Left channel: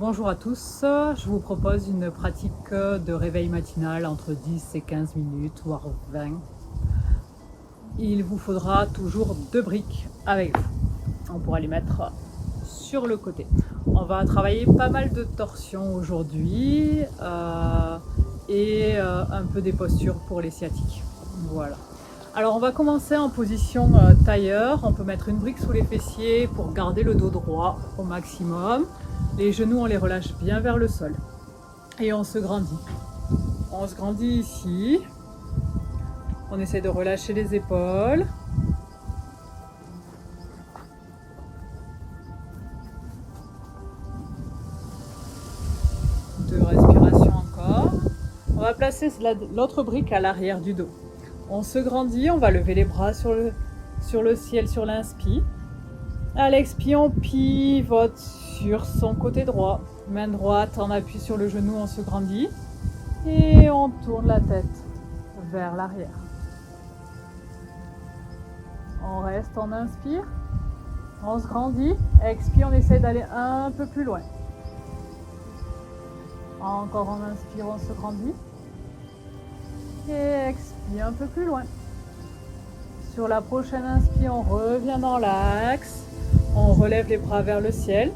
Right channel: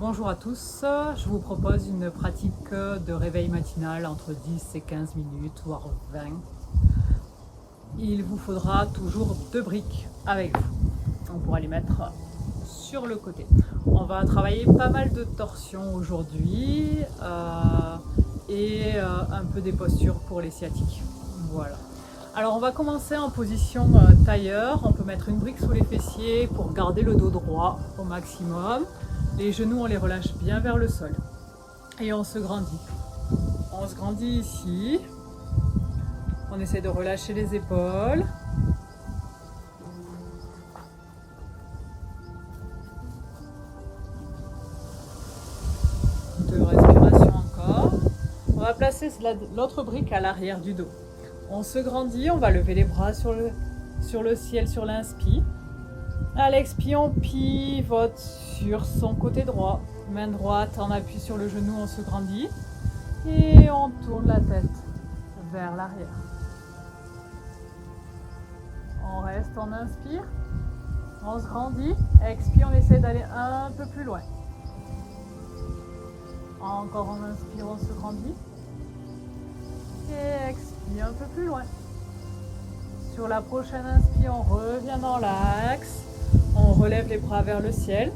Bonjour à tous, je vous propose une pratique de réveil matinal entre 10 et 15 minutes, voire 20. Il vous faudra toujours 2 briques avec vous. On pourra les mettre sur le côté. On va travailler pas mal de torsions aujourd'hui et un peu des postures pour les sciatiques. Voilà. Alors on va commencer en position tailleur. On peut mettre une brique sous les fessiers pour garder le dos droit au maximum. Les genoux, on les relâche bien vers le sol. Et on se grandit. On se grandit ici. On essaie de relâcher les épaules. Deux respirations encore. On va placer l'autre brique à l'arrière du dos. On se grandit, on va lever les bras sur le ciel sur l'inspire. À l'expire, on pivote sur son côté droit. Main droite, on appuie sur le genou, on se grandit. Et on tourne la tête vers l'arrière. On reste, on inspire. On se grandit. Expire, on essaie d'aller un peu plus loin. Encore on inspire, on se grandit. Et expire un peu plus loin. Sur la prochaine inspire, on revient dans l'axe. On relève les bras vers le ciel.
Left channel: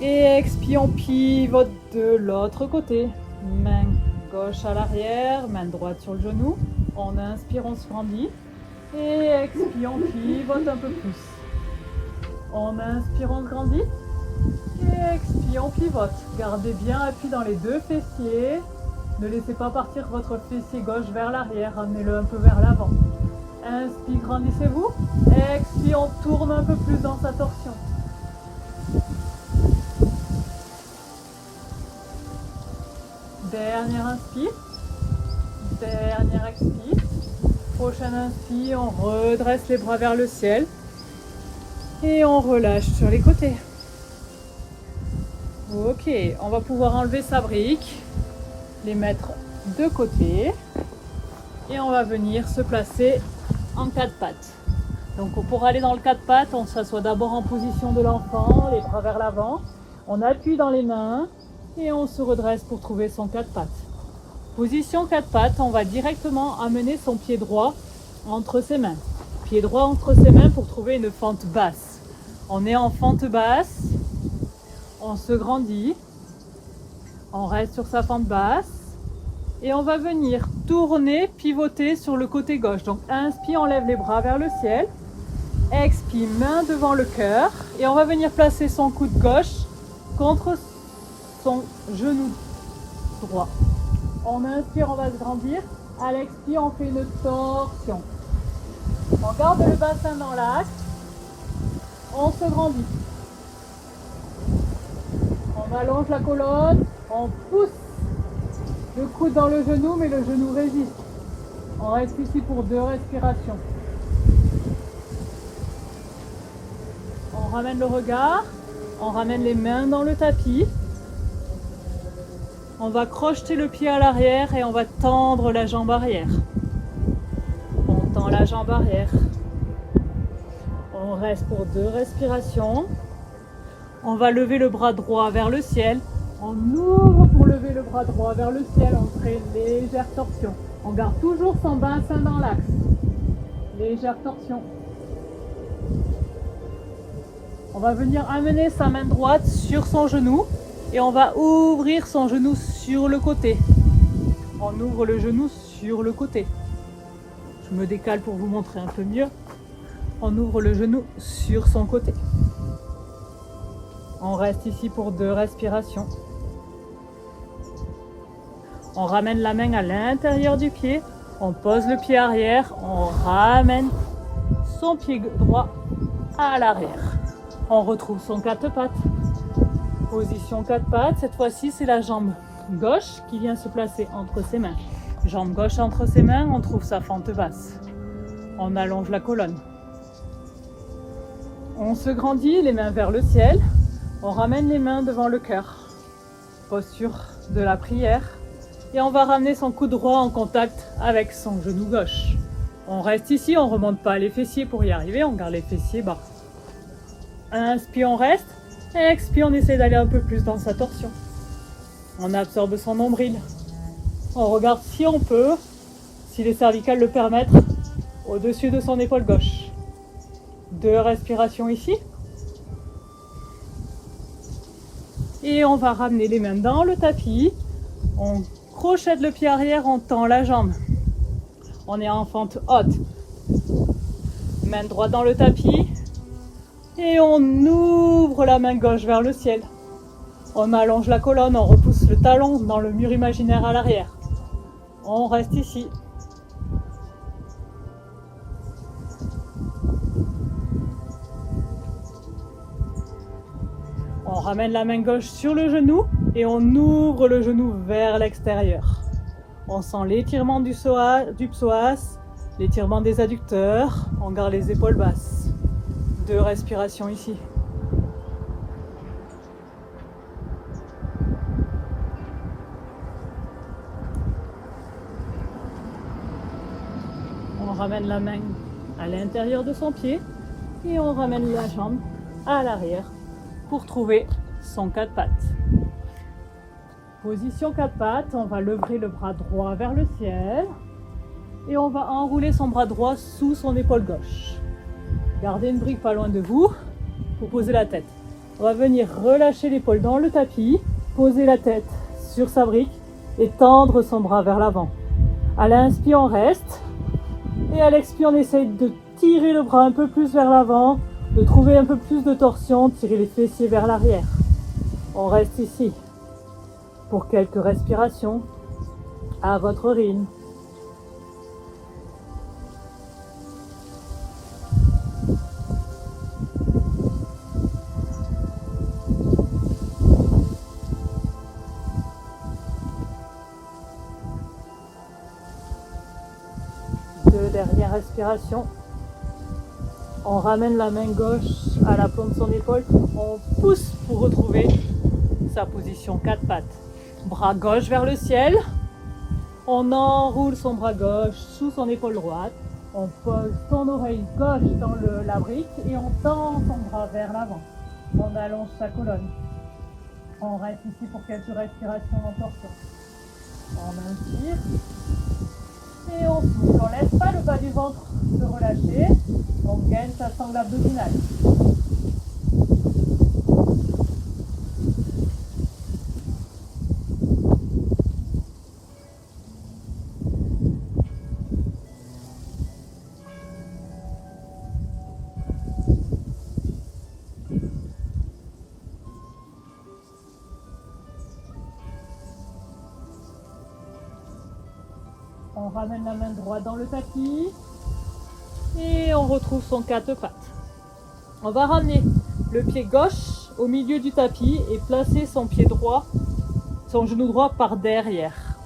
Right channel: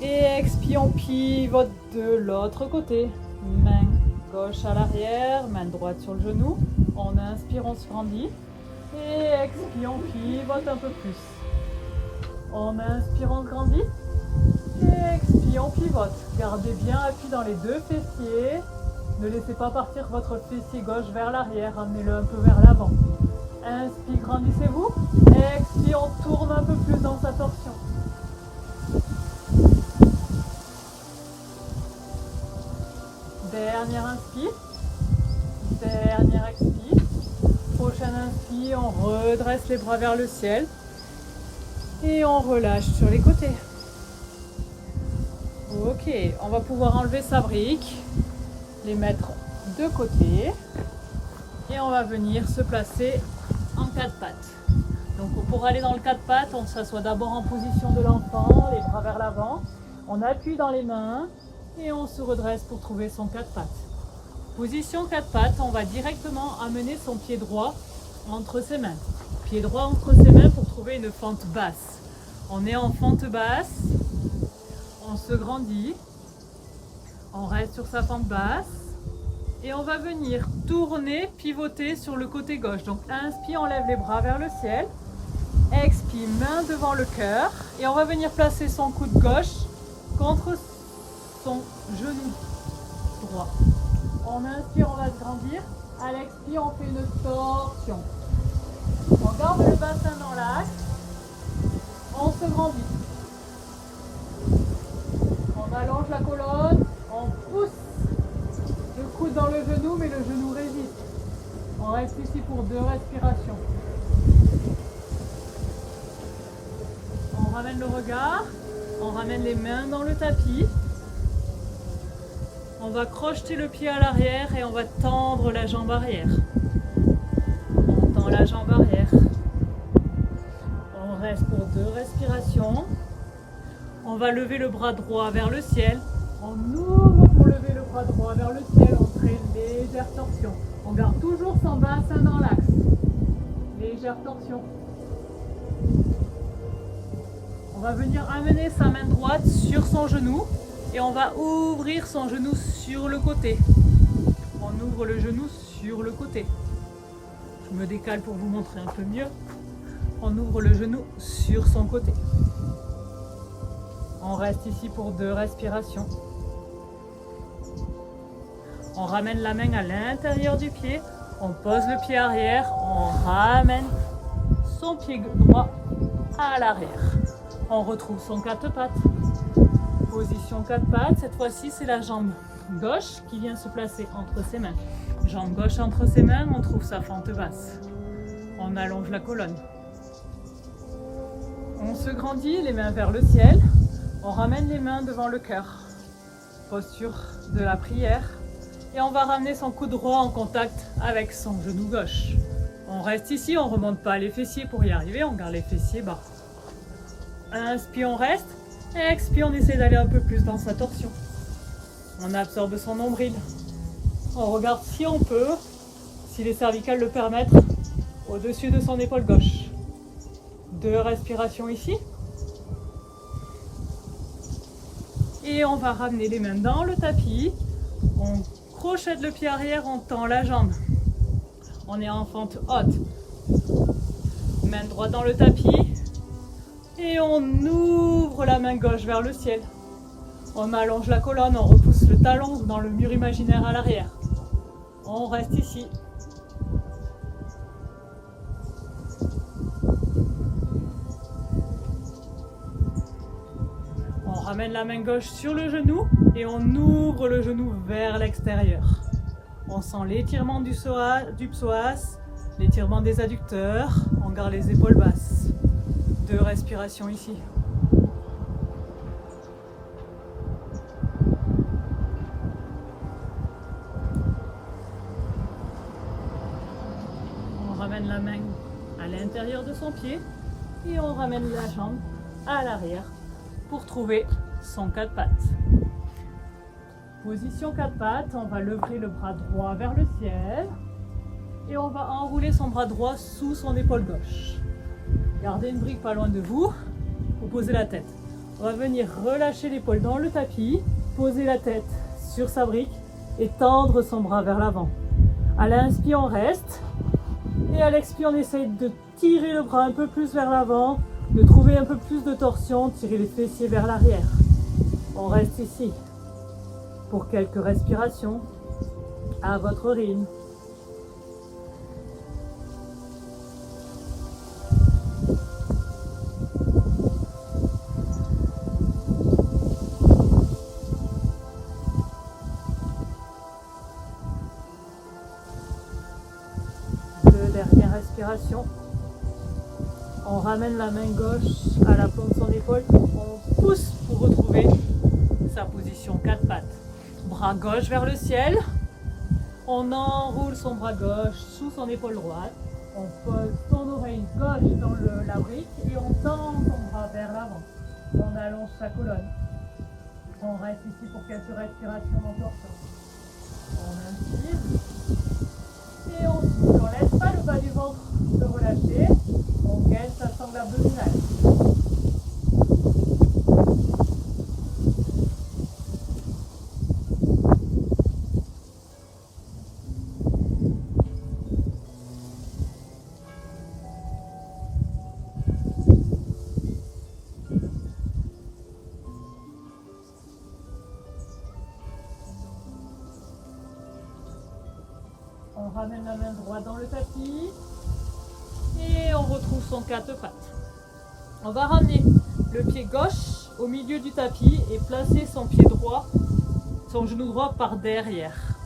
Et expire, on pivote de l'autre côté. Main gauche à l'arrière, main droite sur le genou. On inspire, on se grandit. Et expire, on pivote un peu plus. On inspire, on se grandit. Et expire, on pivote. Gardez bien appui dans les deux fessiers. Ne laissez pas partir votre fessier gauche vers l'arrière. Ramenez-le un peu vers l'avant. Inspire, grandissez-vous. Expire, on tourne un peu plus dans sa torsion. Dernière inspire. Dernière expire. Prochaine inspire, on redresse les bras vers le ciel. Et on relâche sur les côtés. Ok, on va pouvoir enlever sa brique, les mettre de côté. Et on va venir se placer en 4 pattes. Donc pour aller dans le 4 pattes, on s'assoit d'abord en position de l'enfant, les bras vers l'avant. On appuie dans les mains et on se redresse pour trouver son 4 pattes. Position 4 pattes, on va directement amener son pied droit entre ses mains. Pied droit entre ses mains pour trouver une fente basse. On est en fente basse, on se grandit, on reste sur sa fente basse. Et on va venir tourner, pivoter sur le côté gauche. Donc inspire, on lève les bras vers le ciel. Expire, main devant le cœur. Et on va venir placer son coude gauche contre son genou droit. On inspire, on va se grandir. À l'expire, on fait une torsion. On garde le bassin dans l'axe. On se grandit. On allonge la colonne. On pousse le coude dans le genou, mais le genou résiste. On reste ici pour 2 respirations. On ramène le regard, on ramène les mains dans le tapis. On va crocheter le pied à l'arrière et on va tendre la jambe arrière. On tend la jambe arrière. On reste pour 2 respirations. On va lever le bras droit vers le ciel. On ouvre pour lever le bras droit vers le ciel, on fait légère torsion. On garde toujours son bassin dans l'axe. Légère torsion. On va venir amener sa main droite sur son genou et on va ouvrir son genou sur le côté. On ouvre le genou sur le côté. Je me décale pour vous montrer un peu mieux. On ouvre le genou sur son côté. On reste ici pour 2 respirations. On ramène la main à l'intérieur du pied, on pose le pied arrière, on ramène son pied droit à l'arrière. On retrouve son 4 pattes. Position 4 pattes, cette fois-ci c'est la jambe gauche qui vient se placer entre ses mains. Jambe gauche entre ses mains, on trouve sa fente basse. On allonge la colonne. On se grandit, les mains vers le ciel. On ramène les mains devant le cœur. Posture de la prière. Et on va ramener son coude droit en contact avec son genou gauche. On reste ici, on ne remonte pas les fessiers pour y arriver, on garde les fessiers bas. Inspire, on reste. Expire, on essaie d'aller un peu plus dans sa torsion. On absorbe son nombril. On regarde si on peut, si les cervicales le permettent, au-dessus de son épaule gauche. 2 respirations ici. Et on va ramener les mains dans le tapis. On crochette le pied arrière, on tend la jambe. On est en fente haute. Main droite dans le tapis. Et on ouvre la main gauche vers le ciel. On allonge la colonne, on repousse le talon dans le mur imaginaire à l'arrière. On reste ici. On ramène la main gauche sur le genou et on ouvre le genou vers l'extérieur. On sent l'étirement du psoas, l'étirement des adducteurs. On garde les épaules basses. 2 respirations ici. On ramène la main à l'intérieur de son pied et on ramène la jambe à l'arrière pour trouver son 4 pattes. Position 4 pattes, on va lever le bras droit vers le ciel et on va enrouler son bras droit sous son épaule gauche. Gardez une brique pas loin de vous pour poser la tête. On va venir relâcher l'épaule dans le tapis, poser la tête sur sa brique et tendre son bras vers l'avant. À l'inspire, on reste. Et à l'expire, on essaye de tirer le bras un peu plus vers l'avant, de trouver un peu plus de torsion, tirer les fessiers vers l'arrière. On reste ici pour quelques respirations à votre rythme. Dernière respiration. On ramène la main gauche à la plante de son épaule. On pousse pour retrouver sa position 4 pattes. Bras gauche vers le ciel. On enroule son bras gauche sous son épaule droite. On pose son oreille gauche dans la brique et on tend son bras vers l'avant. On allonge sa colonne. On reste ici pour quelques respirations en torsion. On inspire. Et on souffle, on laisse pas le bas du ventre se relâcher, on gaine sa sangle abdominale. On ramène la main droite dans le tapis et on retrouve son 4 pattes. On va ramener le pied gauche au milieu du tapis et placer son pied droit, son genou droit par derrière.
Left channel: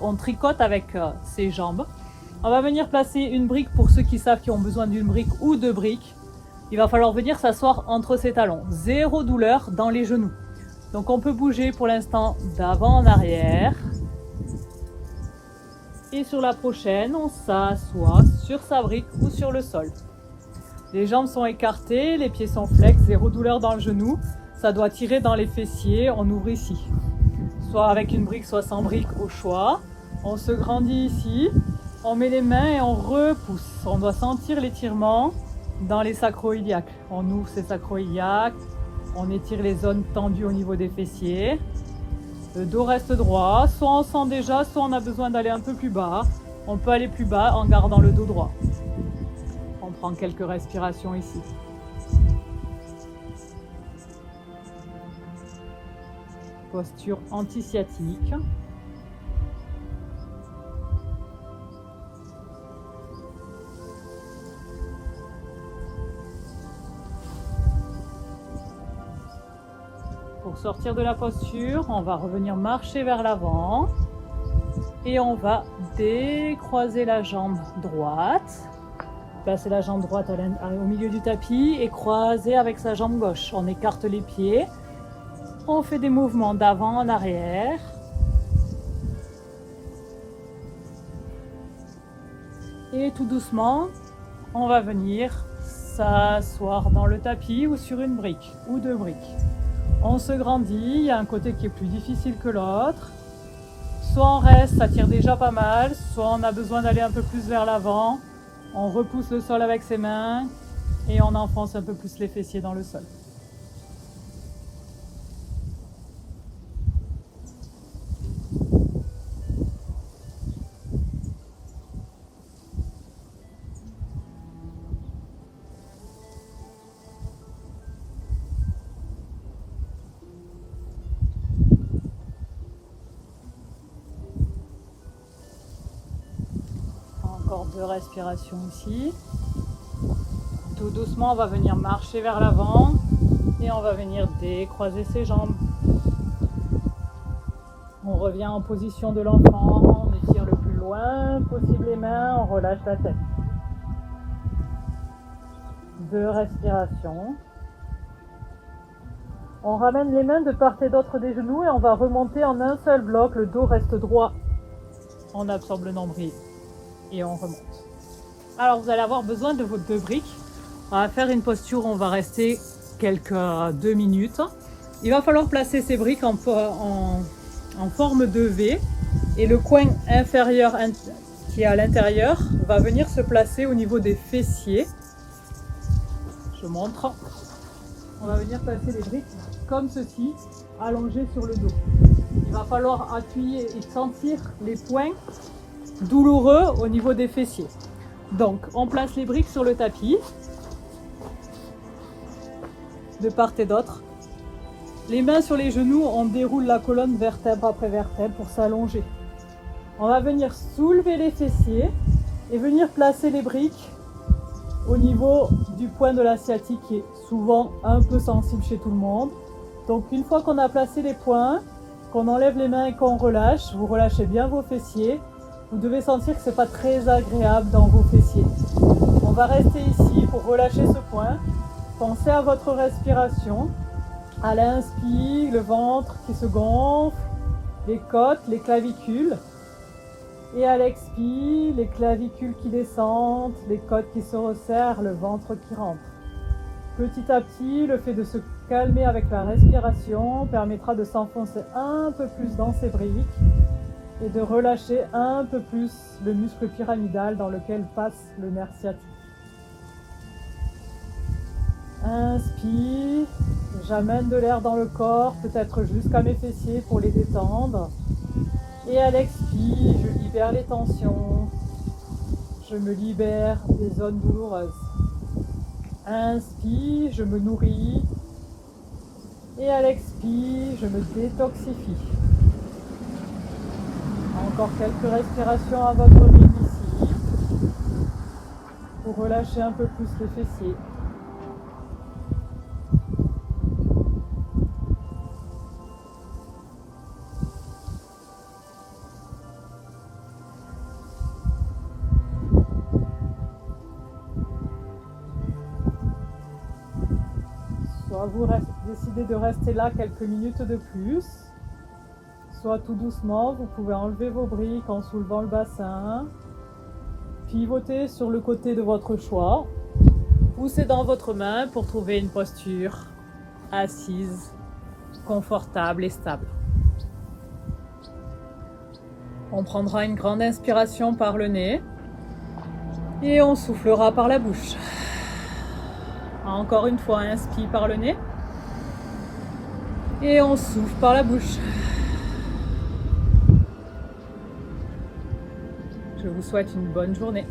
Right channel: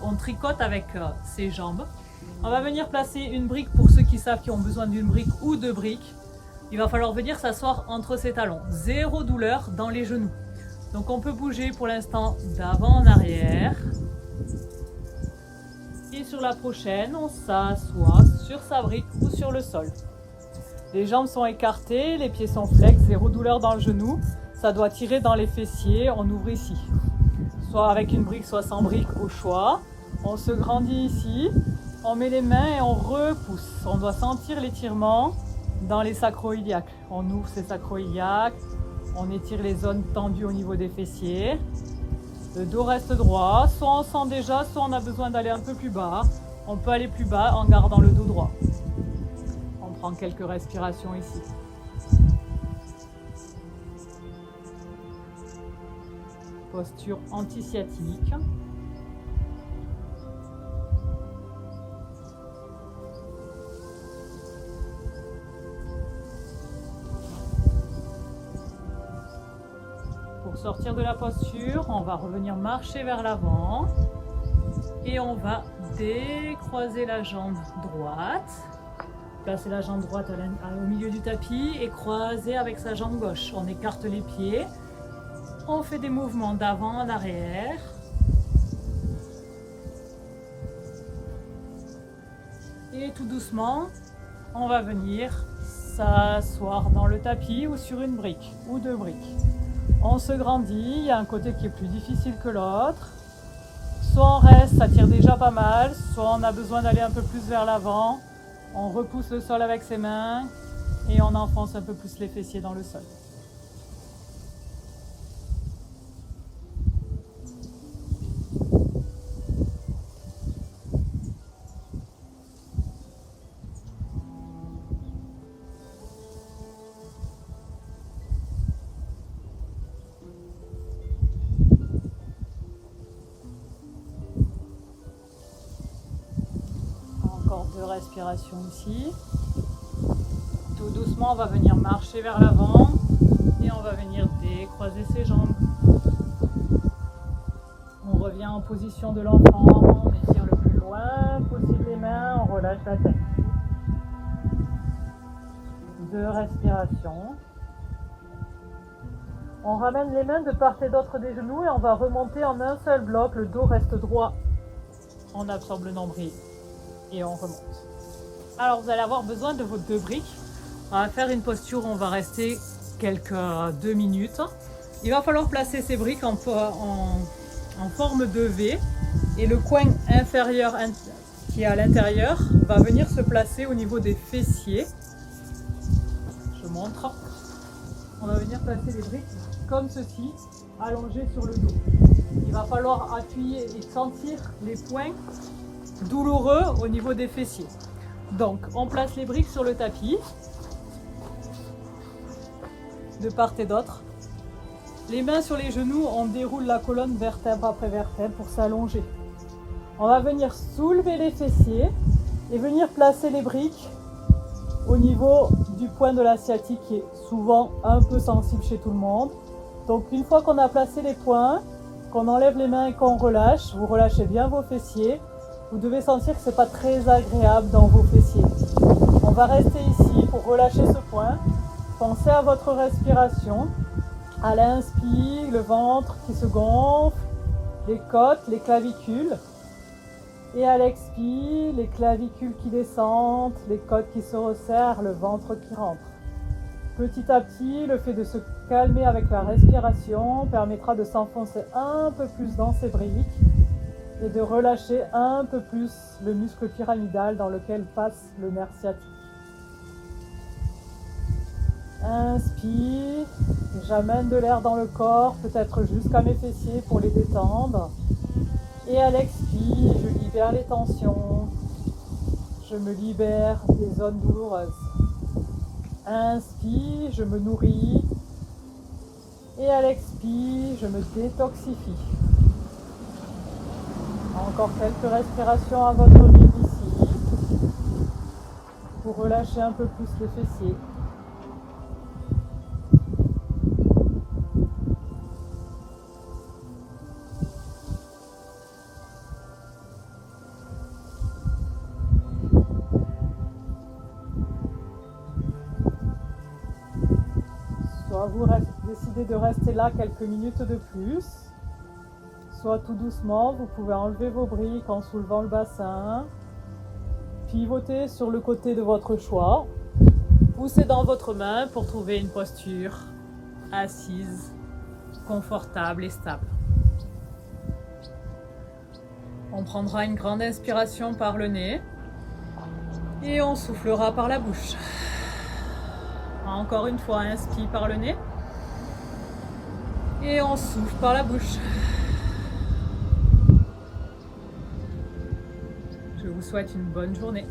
On tricote avec ses jambes. On va venir placer une brique pour ceux qui savent qu'ils ont besoin d'une brique ou 2 briques. Il va falloir venir s'asseoir entre ses talons. 0 douleur dans les genoux. Donc on peut bouger pour l'instant d'avant en arrière. Et sur la prochaine, on s'assoit sur sa brique ou sur le sol. Les jambes sont écartées, les pieds sont flex, 0 douleur dans le genou. Ça doit tirer dans les fessiers, on ouvre ici. Soit avec une brique, soit sans brique au choix. On se grandit ici, on met les mains et on repousse. On doit sentir l'étirement dans les sacro-iliaques. On ouvre ses sacro-iliaques, on étire les zones tendues au niveau des fessiers. Le dos reste droit, soit on sent déjà, soit on a besoin d'aller un peu plus bas. On peut aller plus bas en gardant le dos droit. On prend quelques respirations ici. Posture anti-sciatique. Pour sortir de la posture, on va revenir marcher vers l'avant et on va décroiser la jambe droite, placer la jambe droite au milieu du tapis et croiser avec sa jambe gauche. On écarte les pieds, on fait des mouvements d'avant en arrière. Et tout doucement, on va venir s'asseoir dans le tapis ou sur une brique ou 2 briques. On se grandit, il y a un côté qui est plus difficile que l'autre. Soit on reste, ça tire déjà pas mal, soit on a besoin d'aller un peu plus vers l'avant. On repousse le sol avec ses mains et on enfonce un peu plus les fessiers dans le sol. Encore 2 respirations ici. Tout doucement, on va venir marcher vers l'avant et on va venir décroiser ses jambes. On revient en position de l'enfant, on étire le plus loin possible les mains, on relâche la tête. 2 respirations. On ramène les mains de part et d'autre des genoux et on va remonter en un seul bloc. Le dos reste droit. On absorbe le nombril et on remonte. Alors vous allez avoir besoin de vos 2 briques. On va faire une posture où on va rester quelques 2 minutes. Il va falloir placer ces briques en forme de V et le coin inférieur qui est à l'intérieur va venir se placer au niveau des fessiers. Je montre. On va venir placer les briques comme ceci, allongées sur le dos. Il va falloir appuyer et sentir les points douloureux au niveau des fessiers. Donc, on place les briques sur le tapis, de part et d'autre. Les mains sur les genoux, on déroule la colonne vertèbre après vertèbre pour s'allonger. On va venir soulever les fessiers et venir placer les briques au niveau du point de la sciatique qui est souvent un peu sensible chez tout le monde. Donc une fois qu'on a placé les points, qu'on enlève les mains et qu'on relâche, vous relâchez bien vos fessiers. Vous devez sentir que ce n'est pas très agréable dans vos fessiers. On va rester ici pour relâcher ce point. Pensez à votre respiration. À l'inspire, le ventre qui se gonfle, les côtes, les clavicules. Et à l'expire, les clavicules qui descendent, les côtes qui se resserrent, le ventre qui rentre. Petit à petit, le fait de se calmer avec la respiration permettra de s'enfoncer un peu plus dans ces briques et de relâcher un peu plus le muscle pyramidal dans lequel passe le nerf sciatique. Inspire, j'amène de l'air dans le corps, peut-être jusqu'à mes fessiers pour les détendre. Et à l'expire, je libère les tensions, je me libère des zones douloureuses. Inspire, je me nourris. Et à l'expire, je me détoxifie. Encore quelques respirations à votre rythme ici, pour relâcher un peu plus les fessiers. Soit vous décidez de rester là quelques minutes de plus, soit tout doucement, vous pouvez enlever vos briques en soulevant le bassin, pivotez sur le côté de votre choix, poussez dans votre main pour trouver une posture assise, confortable et stable. On prendra une grande inspiration par le nez et on soufflera par la bouche. Encore une fois, inspire par le nez et on souffle par la bouche. Je vous souhaite une bonne journée.